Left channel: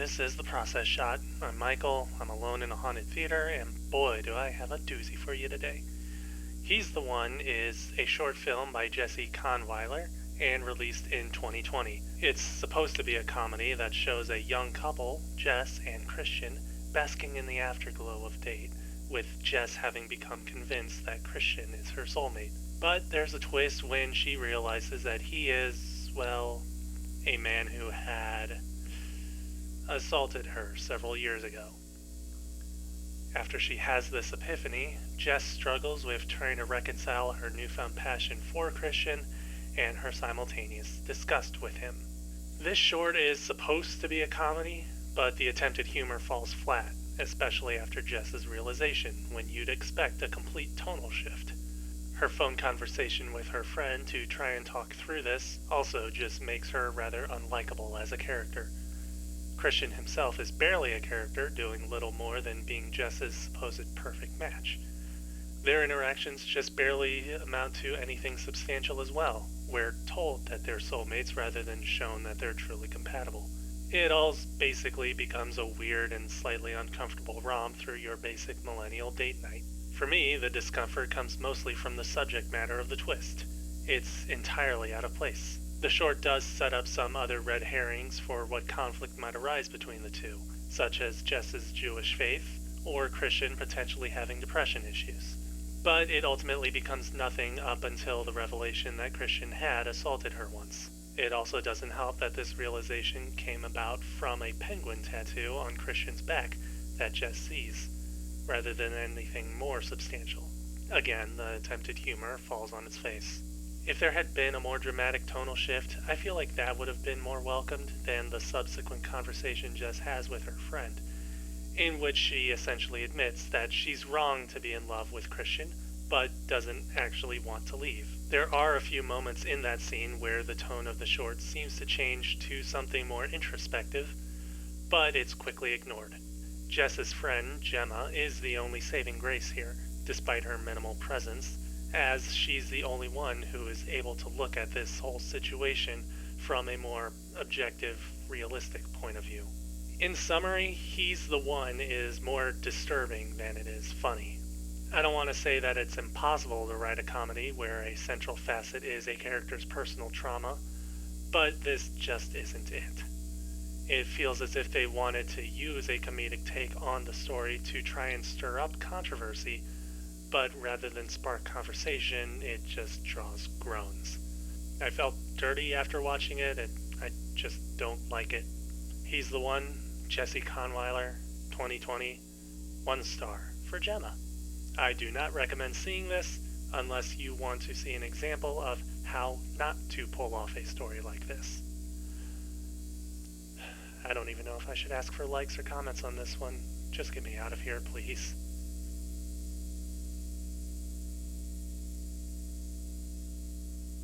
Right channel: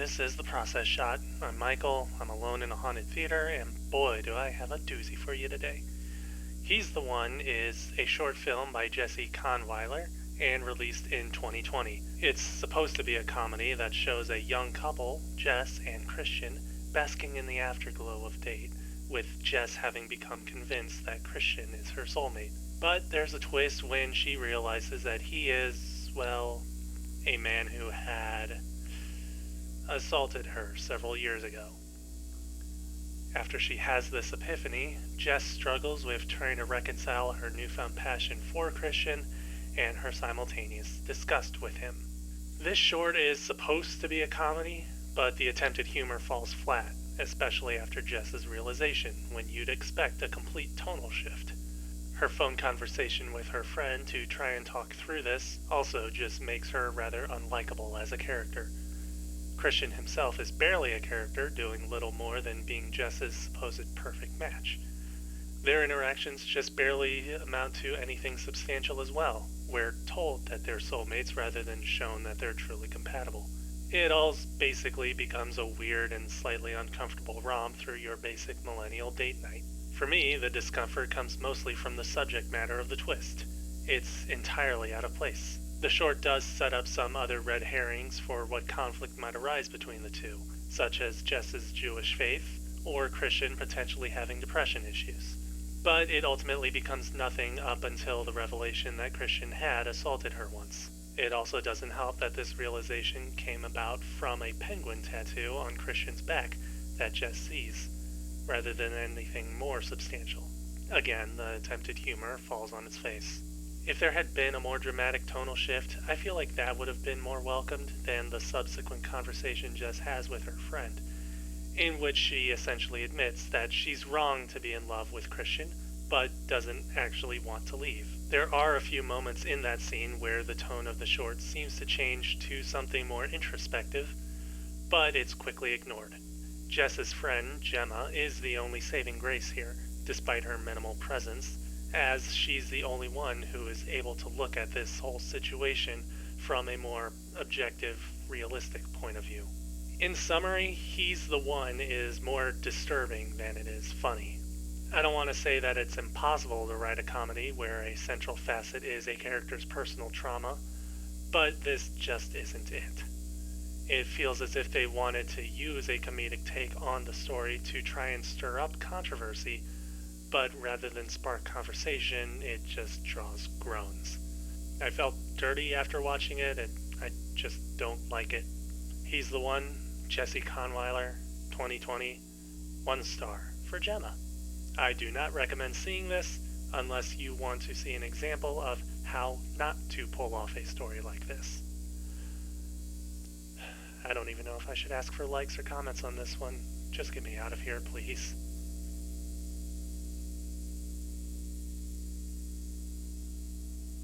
This is The Process Shot. I'm Michael, I'm alone in a haunted theater, and boy do I have a doozy for you today. He's the One is a short film by Jessie Kahnweiler and released in 2020. It's supposed to be a comedy that shows a young couple, Jess and Christian, basking in the afterglow of date, with Jess having become convinced that Christian is her soulmate. But there's a twist when she realizes that he is, well, a man who had assaulted her several years ago. After she has this epiphany, Jess struggles with trying to reconcile her newfound passion for Christian and her simultaneous disgust with him. This short is supposed to be a comedy, but the attempted humor falls flat, especially after Jess's realization, when you'd expect a complete tonal shift. Her phone conversation with her friend to try and talk through this also just makes her rather unlikable as a character. Christian himself is barely a character, doing little more than being Jess's supposed perfect match. Their interactions just barely amount to anything substantial as well. We're told that they're soulmates rather than shown that they're truly compatible. It all basically becomes a weird and slightly uncomfortable romp through your basic millennial date night. For me, the discomfort comes mostly from the subject matter of the twist. It's entirely out of place. The short does set up some other red herrings for what conflict might arise between the two, such as Jess's Jewish faith, or Christian potentially having depression issues. But it ultimately becomes nothing up until the revelation that Christian had assaulted her once. It also doesn't help that this realization came about from a penguin tattoo on Christian's back that Jess sees, rather than anything more substantial. Again, the attempted humor falls on its face. If there had been a more dramatic tonal shift, I feel like that would have been more welcomed than the subsequent conversation Jess has with her friend, in which she essentially admits that she's wrong to be in love with Christian, but doesn't actually want to leave. There are a few moments in that scene where the tone of the short seems to change to something more introspective, but it's quickly ignored. Jess's friend, Gemma, is the only saving grace here, despite her minimal presence, as she's the only one who is able to look at this whole situation from a more objective, realistic point of view. In summary, He's the One is more disturbing than it is funny. I don't want to say that it's impossible to write a comedy where a central facet is a character's personal trauma, but this just isn't it. It feels as if they wanted to use a comedic take on the story to try and stir up controversy, but rather than spark conversation, it just draws groans. I felt dirty after watching it, and I just don't like it. He's the One, Jessie Kahnweiler, 2020, 1 star for Gemma. I do not recommend seeing this unless you want to see an example of how not to pull off a story like this. I don't even know if I should ask for likes or comments on this one. Just get me out of here, please.